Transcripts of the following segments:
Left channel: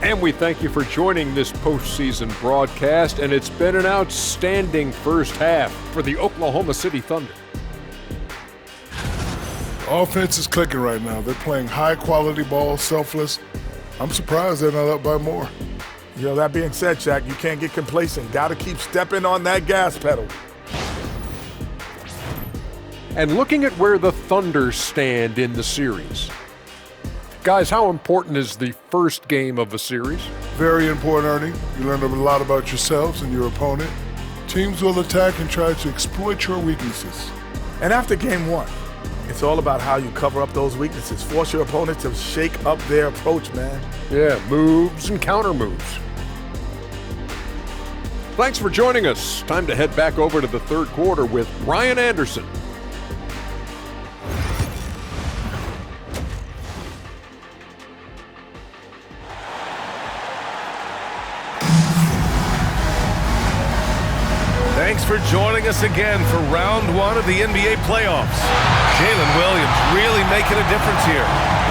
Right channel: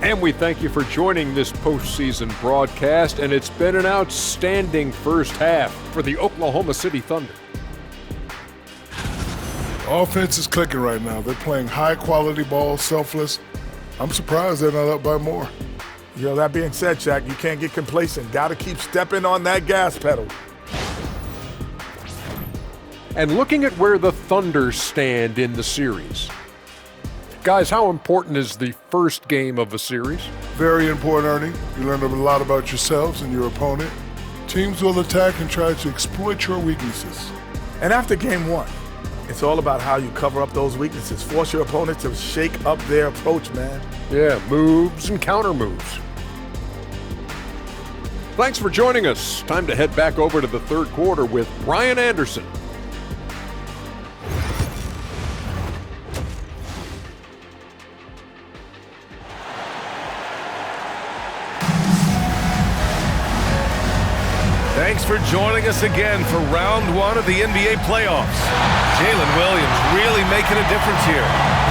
And we thank you for joining this postseason broadcast, and it's been an outstanding first half for the Oklahoma City Thunder. Offense is clicking right now. They're playing high-quality ball, selfless. I'm surprised they're not up by more. That being said, Shaq, you can't get complacent. Got to keep stepping on that gas pedal. And looking at where the Thunder stand in the series. Guys, how important is the first game of a series? Very important, Ernie. You learn a lot about yourselves and your opponent. Teams will attack and try to exploit your weaknesses. And after game one, it's all about how you cover up those weaknesses. Force your opponent to shake up their approach, man. Yeah, moves and counter moves. Thanks for joining us. Time to head back over to the third quarter with Brian Anderson. Thanks for joining us again for round one of the NBA playoffs. Jalen Williams really making a difference here.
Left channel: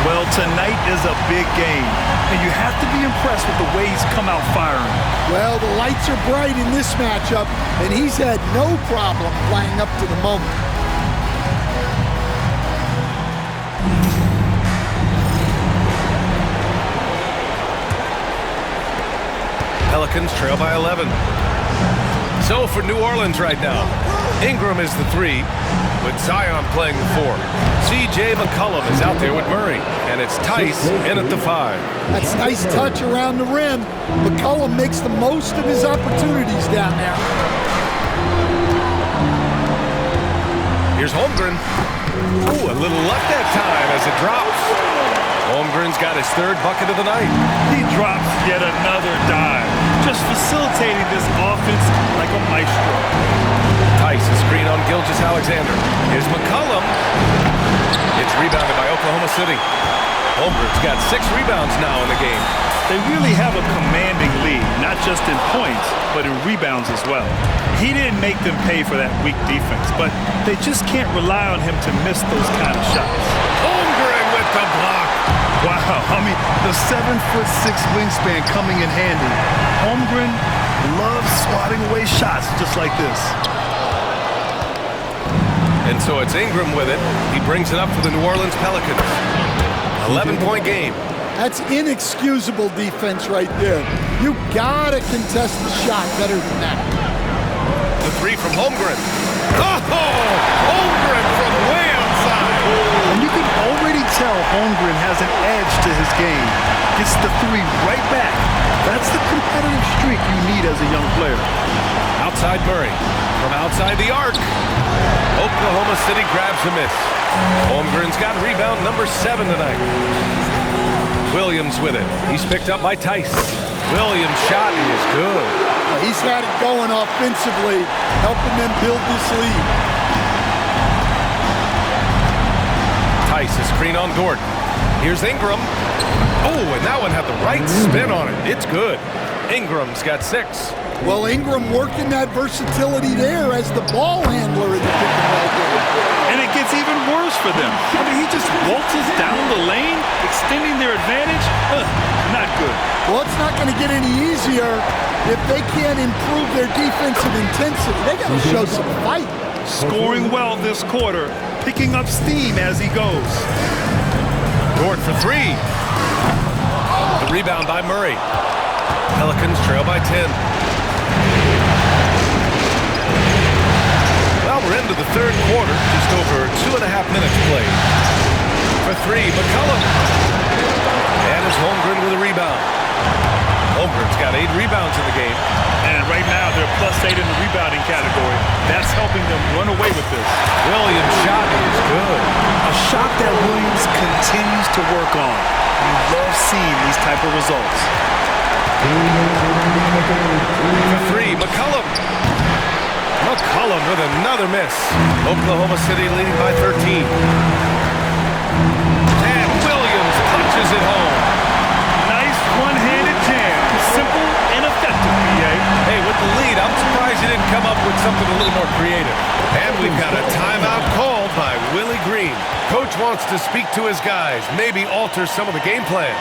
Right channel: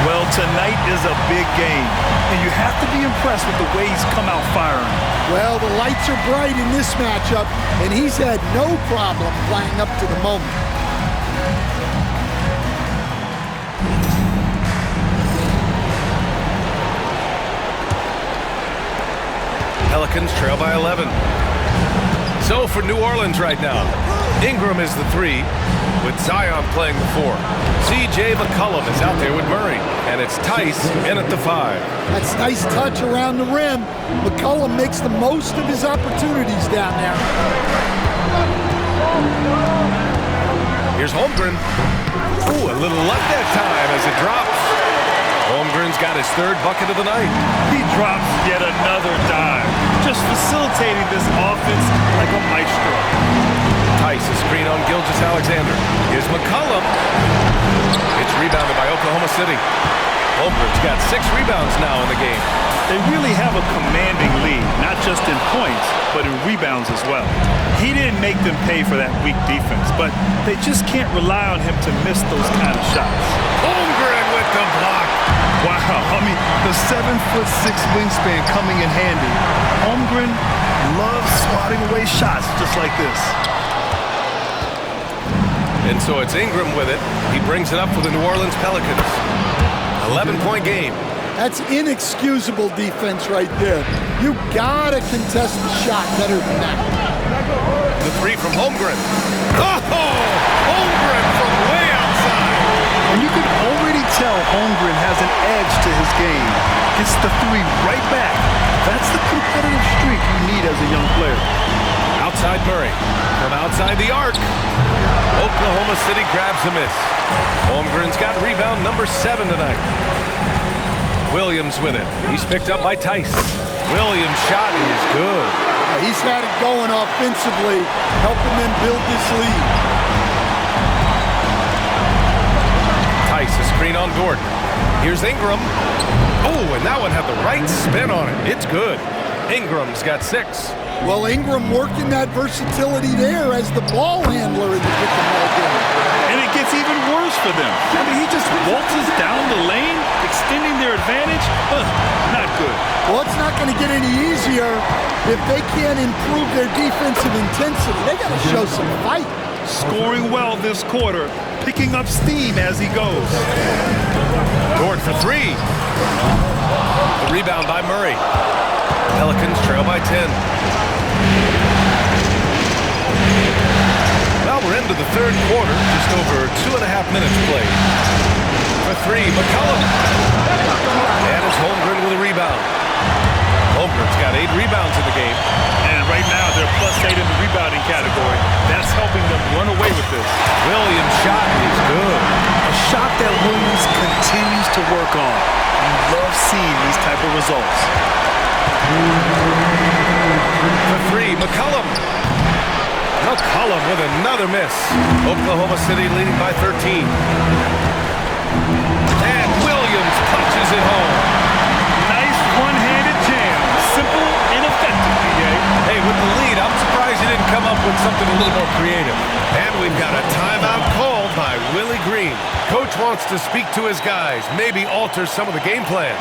Well, tonight is a big game, and you have to be impressed with the way he's come out firing. Well, the lights are bright in this matchup, and he's had no problem playing up to the moment. Pelicans trail by 11. So for New Orleans right now, Ingram is the 3, with Zion playing the 4. C.J. McCollum is out there with Murray, and it's Tice in at the 5. That's a nice touch around the rim. McCollum makes the most of his opportunities down there. Here's Holmgren. Ooh, a little luck that time as it drops. Holmgren's got his third bucket of the night. He drops yet another dive, just facilitating this offense like a maestro. Tice, a screen on Gilgeous-Alexander. Here's McCollum. It's rebounded by Oklahoma City. Holmgren's got 6 rebounds now in the game. They really have a commanding lead, not just in points, but in rebounds as well. He didn't make them pay for that weak defense, but they just can't rely on him to miss those kind of shots. Holmgren with the block. Wow, I mean, the 7'6" wingspan coming in handy. Holmgren loves swatting away shots just like this. And so it's Ingram with it. He brings it up for the New Orleans Pelicans. 11-point game. That's inexcusable defense right there. You gotta contest the shot better than that. The 3 from Holmgren. Oh! Holmgren from way outside. And you can already tell Holmgren has an edge to his game. Gets the 3 right back. That's the competitive streak you need as a young player. Outside Murray. From outside the arc. Oklahoma City grabs a miss. Holmgren's got rebound number 7 tonight. Williams with it. He's picked up by Tice. Williams' shot is good. He's had it going offensively, helping them build this lead. Tice, a screen on Dort. Here's Ingram. Oh, and that one had the right spin on it. It's good. Ingram's got 6. Well, Ingram working that versatility there as the ball handler in the pick-and-roll game. And it gets even worse for them. I mean, he just waltzes down the lane, extending their advantage. Not good. Well, it's not going to get any easier if they can't improve their defensive intensity. They got to show some fight. Scoring well this quarter, picking up steam as he goes. Dort for 3. The rebound by Murray. Pelicans trail by 10. Well, we're into the third quarter, just over 2.5 minutes played. For 3, McCollum. And it's Holmgren with a rebound. Holmgren's got 8 rebounds in the game. And right now, they're +8 in the rebounding category. That's helping them run away with this. Williams' shot is good. A shot that Williams continues to work on. You love seeing these type of results. For 3, McCollum. McCollum with another miss. Oklahoma City leading by 13. And Williams punches it home. Nice one-handed jam. Simple and effective, PA. Hey, with the lead, I'm surprised he didn't come up with something a little more creative. And we've got a timeout called by Willie Green. Coach wants to speak to his guys, maybe alter some of the game plan.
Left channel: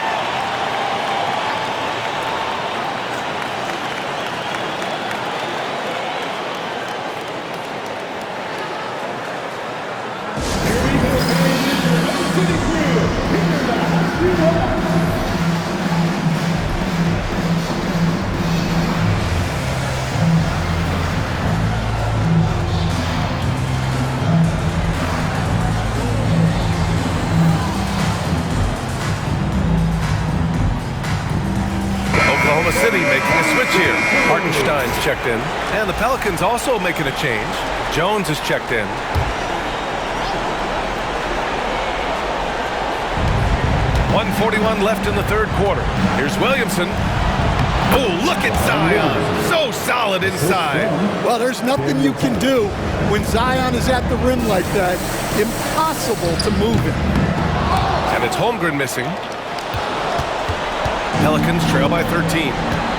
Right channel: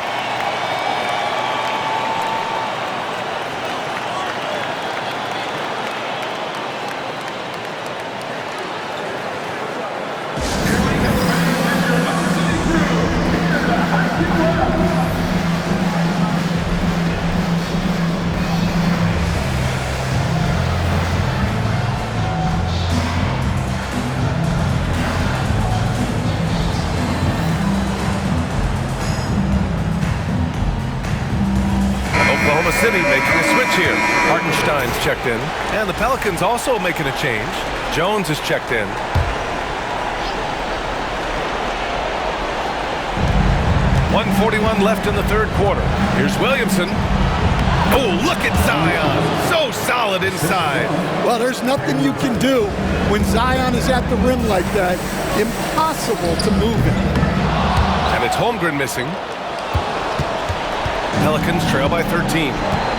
Oklahoma City making a switch here. Hartenstein's checked in. And the Pelicans also making a change. Jones is checked in. .141 left in the third quarter. Here's Williamson. Oh, look at Zion. So solid inside. Well, there's nothing you can do when Zion is at the rim like that. Impossible to move him. And it's Holmgren missing. Pelicans trail by 13.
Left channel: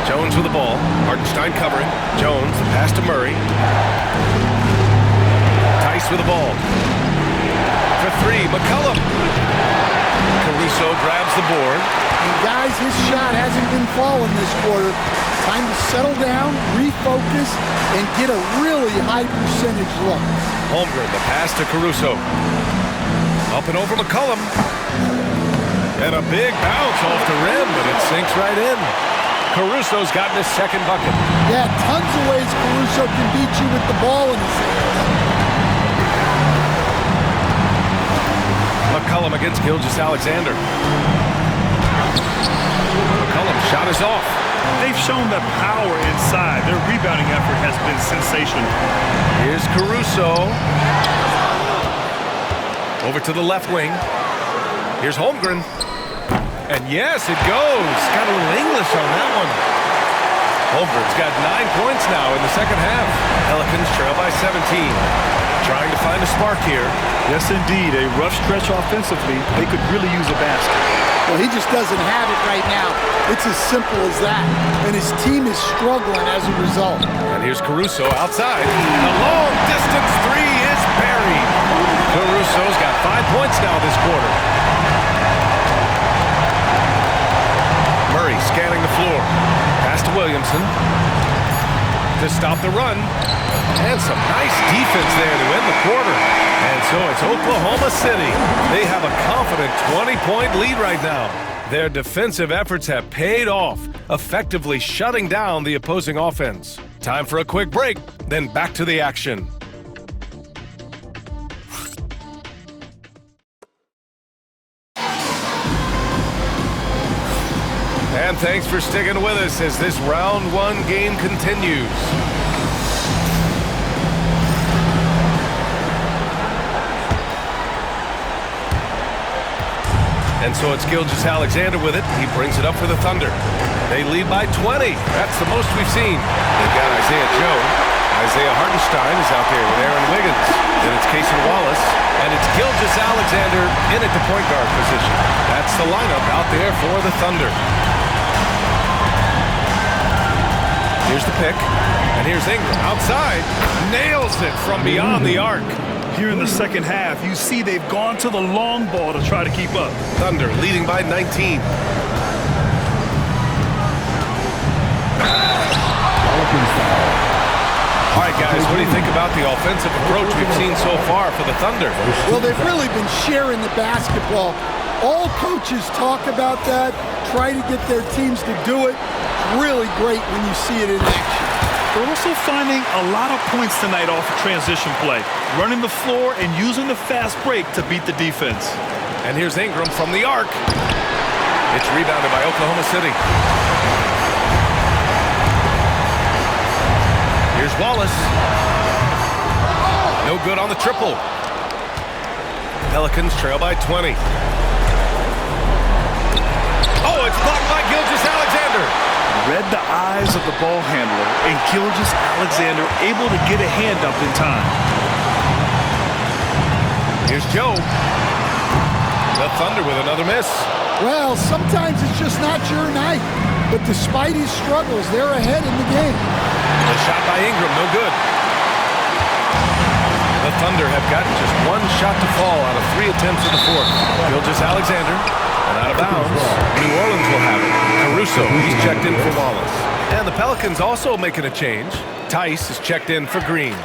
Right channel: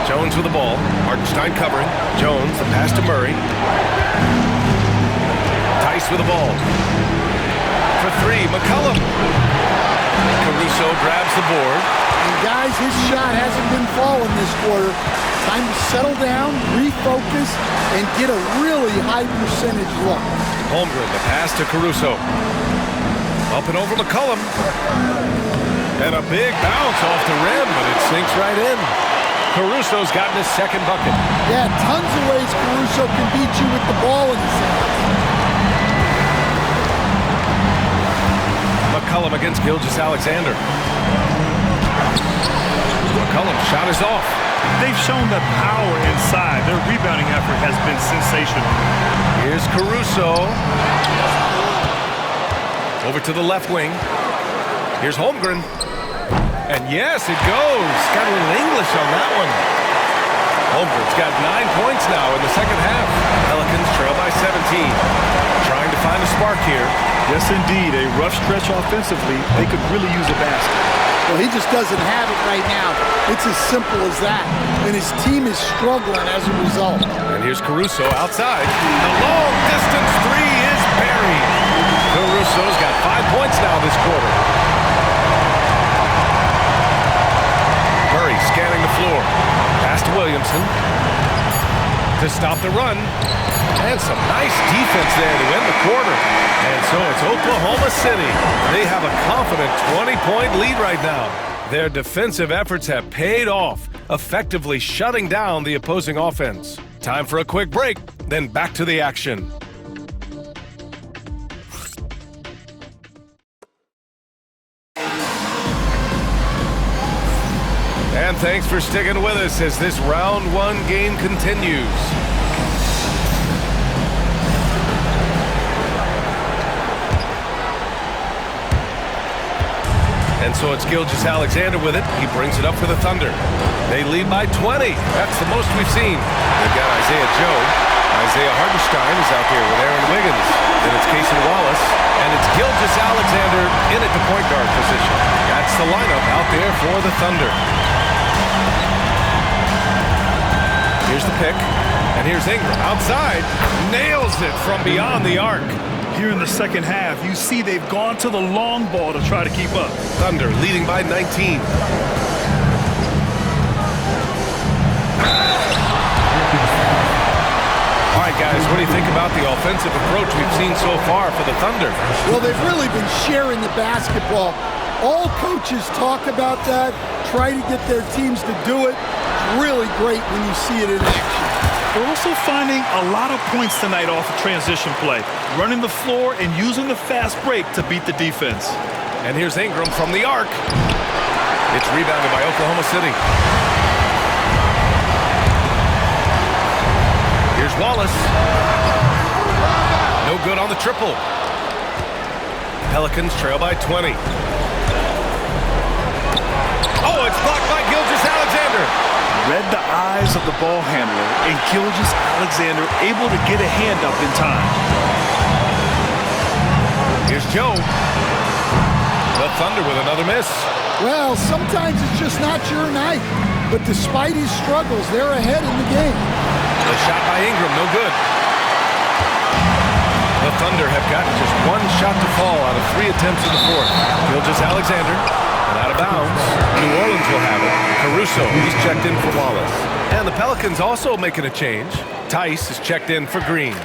Jones with the ball. Hartenstein covering. Jones, the pass to Murray. Tice with the ball. For three, McCollum. Caruso grabs the board. And guys, his shot hasn't been falling this quarter. Time to settle down, refocus, and get a really high percentage look. Holmgren, the pass to Caruso. Up and over McCollum. And a big bounce off the rim, but it sinks right in. Caruso's gotten his second bucket. Yeah, tons of ways Caruso can beat you with the ball in his hands. McCollum against Gilgeous-Alexander. McCollum's shot is off. They've shown the power inside. Their rebounding effort has been sensational. Here's Caruso. Over to the left wing. Here's Holmgren. And yes, it goes. Got a little English on that one. Holmgren's got 9 points now in the second half. Pelicans trail by 17. Trying to find a spark here. Yes, indeed. A rough stretch offensively. They could really use a basket. Well, he just doesn't have it right now. It's as simple as that. And his team is struggling as a result. And here's Caruso outside. The long distance three is buried. Caruso's got 5 points now this quarter. Murray scanning the floor. Pass to Williamson. To stop the run. And some nice defense there to end the quarter. And so it's Oklahoma City. They have a confident 20-point lead right now. Their defensive efforts have paid off, effectively shutting down the opposing offense. Time for a quick break, then back to the action. And thanks for sticking with us as this round one game continues. And so it's Gilgeous-Alexander with it. He brings it up for the Thunder. They lead by 20. That's the most we've seen. They've got Isaiah Joe. Isaiah Hartenstein is out there with Aaron Wiggins. Then it's Cason Wallace. And it's Gilgeous-Alexander in at the point guard position. That's the lineup out there for the Thunder. Here's the pick. And here's Ingram outside. Nails it from beyond the arc. Here in the second half, you see they've gone to the long ball to try to keep up. Thunder leading by 19. All right, guys, what do you think about the offensive approach we've seen so far for the Thunder? Well, they've really been sharing the basketball. All coaches talk about that, try to get their teams to do it. It's really great when you see it in action. They're also finding a lot of points tonight off of transition play, running the floor and using the fast break to beat the defense. And here's Ingram from the arc. It's rebounded by Oklahoma City. Here's Wallace. No good on the triple. Pelicans trail by 20. Oh, it's blocked by Gilgeous-Alexander. Read the eyes of the ball handler, and Gilgeous-Alexander able to get a hand up in time. Here's Joe. The Thunder with another miss. Well, sometimes it's just not your night. But despite his struggles, they're ahead in the game. The shot by Ingram, no good. The Thunder have gotten just one shot to fall out of 3 attempts in the fourth. Gilgeous-Alexander, and out of bounds. New Orleans will have it. Caruso, he's checked in for Wallace. And the Pelicans also making a change. Tice is checked in for Green.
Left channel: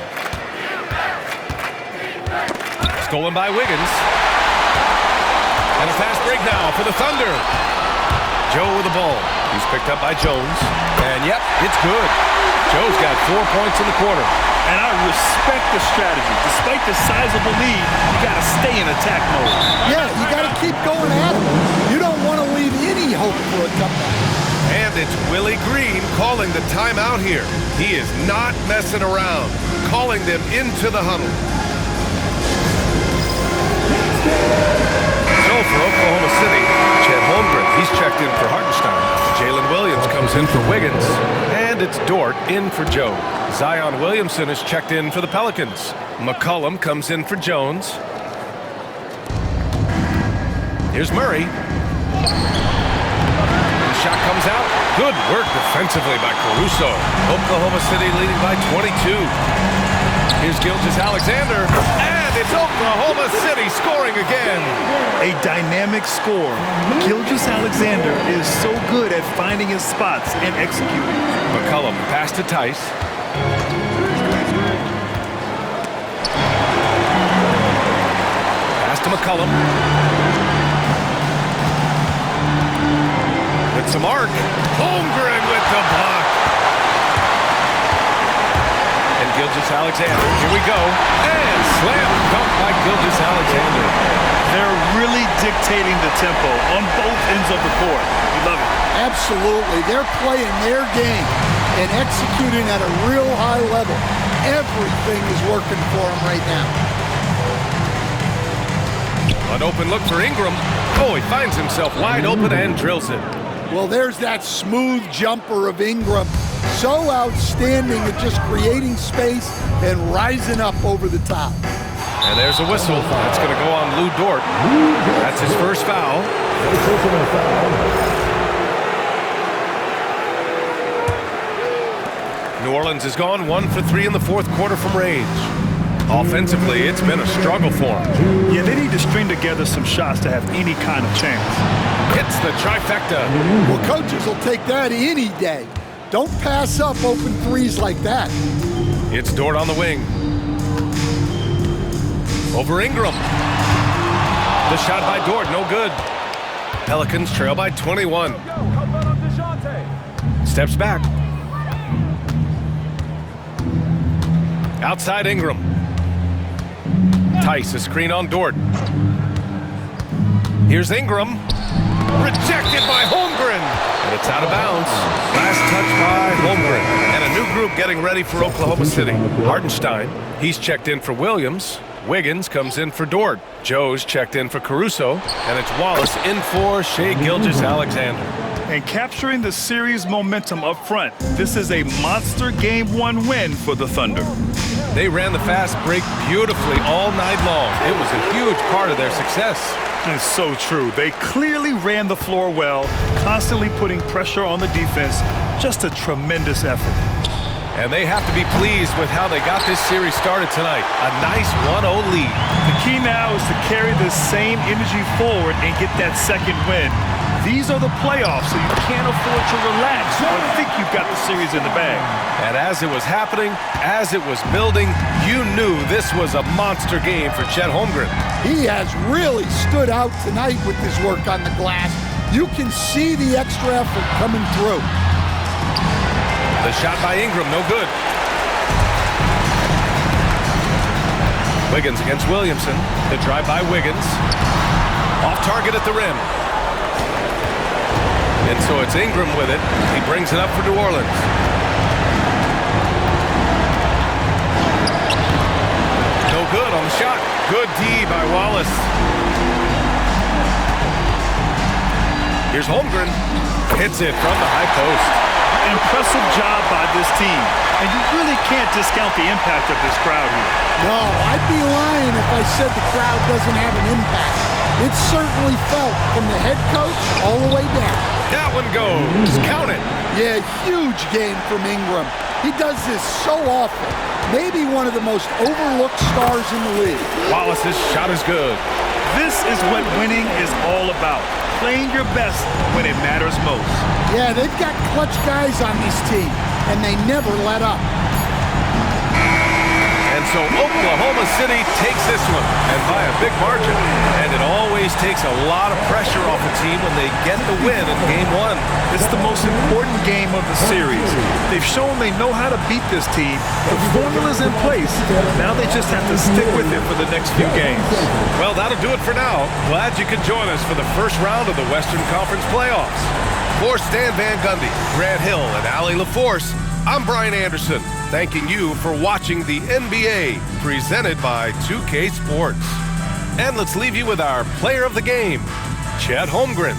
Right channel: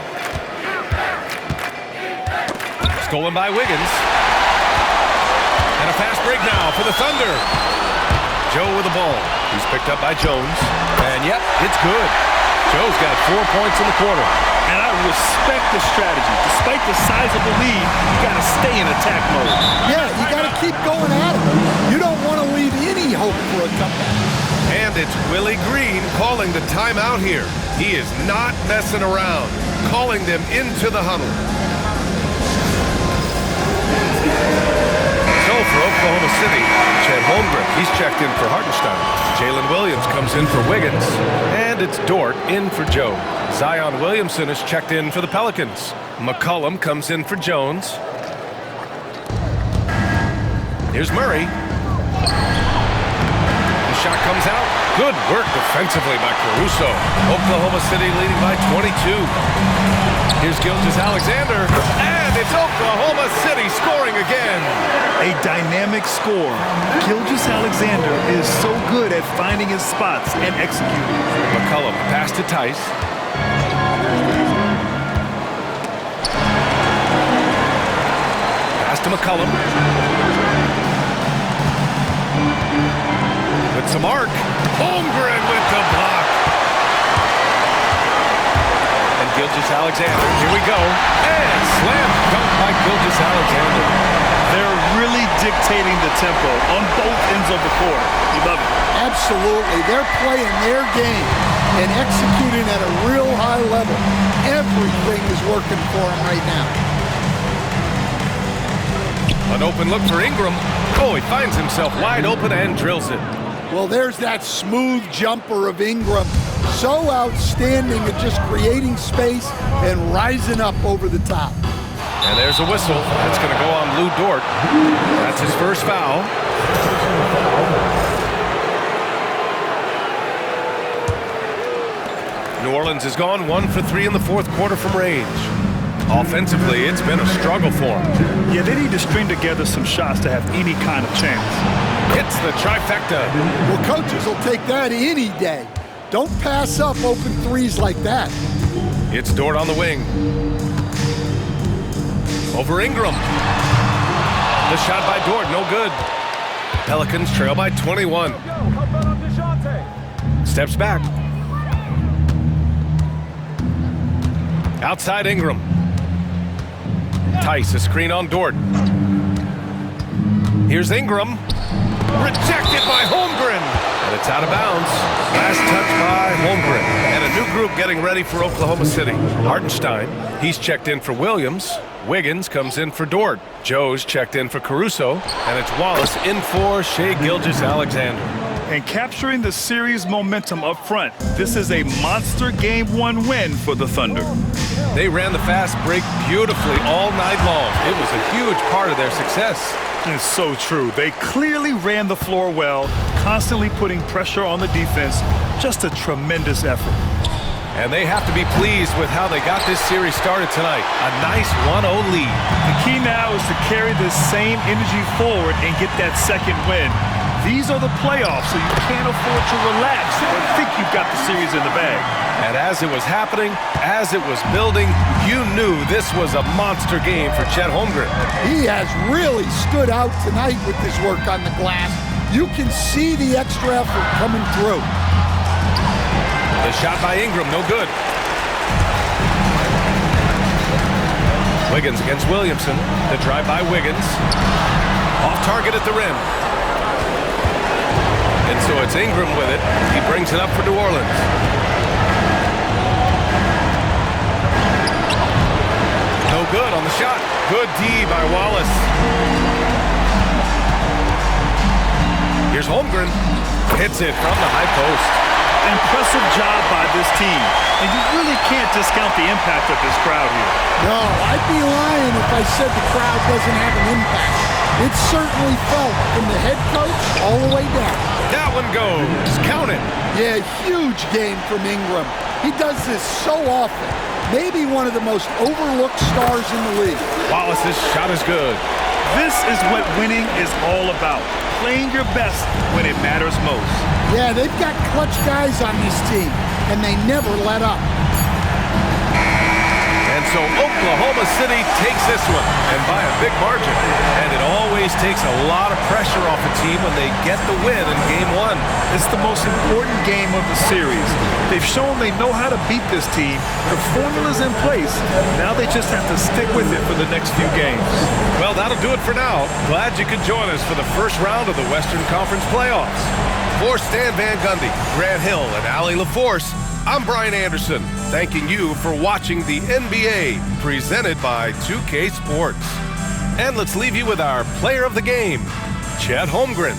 Stolen by Wiggins. And a fast break now for the Thunder. Joe with the ball. He's picked up by Jones. And yep, it's good. Joe's got 4 points in the quarter. And I respect the strategy. Despite the sizable lead, you got to stay in attack mode. Yeah, you got to keep going at him. You don't want to leave any hope for a comeback. And it's Willie Green calling the timeout here. He is not messing around, calling them into the huddle. So for Oklahoma City, Chet Holmgren, he's checked in for Hartenstein. Jalen Williams comes in for Wiggins. And it's Dort in for Joe. Zion Williamson is checked in for the Pelicans. McCollum comes in for Jones. Here's Murray. The shot comes out. Good work defensively by Caruso. Oklahoma City leading by 22. Here's Gilgeous-Alexander, and it's Oklahoma City scoring again. A dynamic score. Gilgeous-Alexander is so good at finding his spots and executing. McCollum pass to Tice. Pass to McCollum. With some arc. Holmgren with the block. And Gilgeous-Alexander, here we go. And slam dunk by Gilgeous-Alexander. They're really dictating the tempo on both ends of the court. You love it. Absolutely. They're playing their game and executing at a real high level. Everything is working for them right now. An open look for Ingram. Oh, he finds himself wide open and drills it. Well, there's that smooth jumper of Ingram. So outstanding at just creating space and rising up over the top. And there's a whistle. That's going to go on Lou Dort. That's his first foul. New Orleans has gone 1 for 3 in the fourth quarter from range. Offensively, it's been a struggle for them. Yeah, they need to string together some shots to have any kind of chance. Hits the trifecta. Well, coaches will take that any day. Don't pass up open threes like that. It's Dort on the wing. Over Ingram. The shot by Dort, no good. Pelicans trail by 21. Steps back. Outside Ingram. Tice, a screen on Dort. Here's Ingram. Rejected by Holmgren. And it's out of bounds. Last touch by Holmgren. And a new group getting ready for Oklahoma City. Hartenstein, he's checked in for Williams. Wiggins comes in for Dort. Joe's checked in for Caruso. And it's Wallace in for Shai Gilgeous-Alexander. And capturing the series momentum up front. This is a monster Game 1 win for the Thunder. They ran the fast break beautifully all night long. It was a huge part of their success. It's so true. They clearly ran the floor well, constantly putting pressure on the defense. Just a tremendous effort. And they have to be pleased with how they got this series started tonight. A nice 1-0 lead. The key now is to carry this same energy forward and get that second win. These are the playoffs, so you can't afford to relax or think you've got the series in the bag. And as it was happening, as it was building, you knew this was a monster game for Chet Holmgren. He has really stood out tonight with his work on the glass. You can see the extra effort coming through. The shot by Ingram, no good. Wiggins against Williamson. The drive by Wiggins. Off target at the rim. And so it's Ingram with it. He brings it up for New Orleans. No good on the shot. Good D by Wallace. Here's Holmgren. Hits it from the high post. Impressive job by this team. And you really can't discount the impact of this crowd here. No, I'd be lying if I said the crowd doesn't have an impact. It's certainly felt from the head coach all the way down. That one goes. Count it. Yeah, huge game from Ingram. He does this so often. Maybe one of the most overlooked stars in the league. Wallace's shot is good. This is what winning is all about. Playing your best when it matters most. Yeah, they've got clutch guys on this team, and they never let up. And so Oklahoma City takes this one, and by a big margin. And it always series takes a lot of pressure off a team when they get the win in Game 1. It's the most important game of the series. They've shown they know how to beat this team. The formula's in place. Now they just have to stick with it for the next few games. Well, that'll do it for now. Glad you could join us for the first round of the Western Conference playoffs. For Stan Van Gundy, Grant Hill, and Allie LaForce, I'm Brian Anderson, thanking you for watching the NBA, presented by 2K Sports. And let's leave you with our player of the game, Chet Holmgren.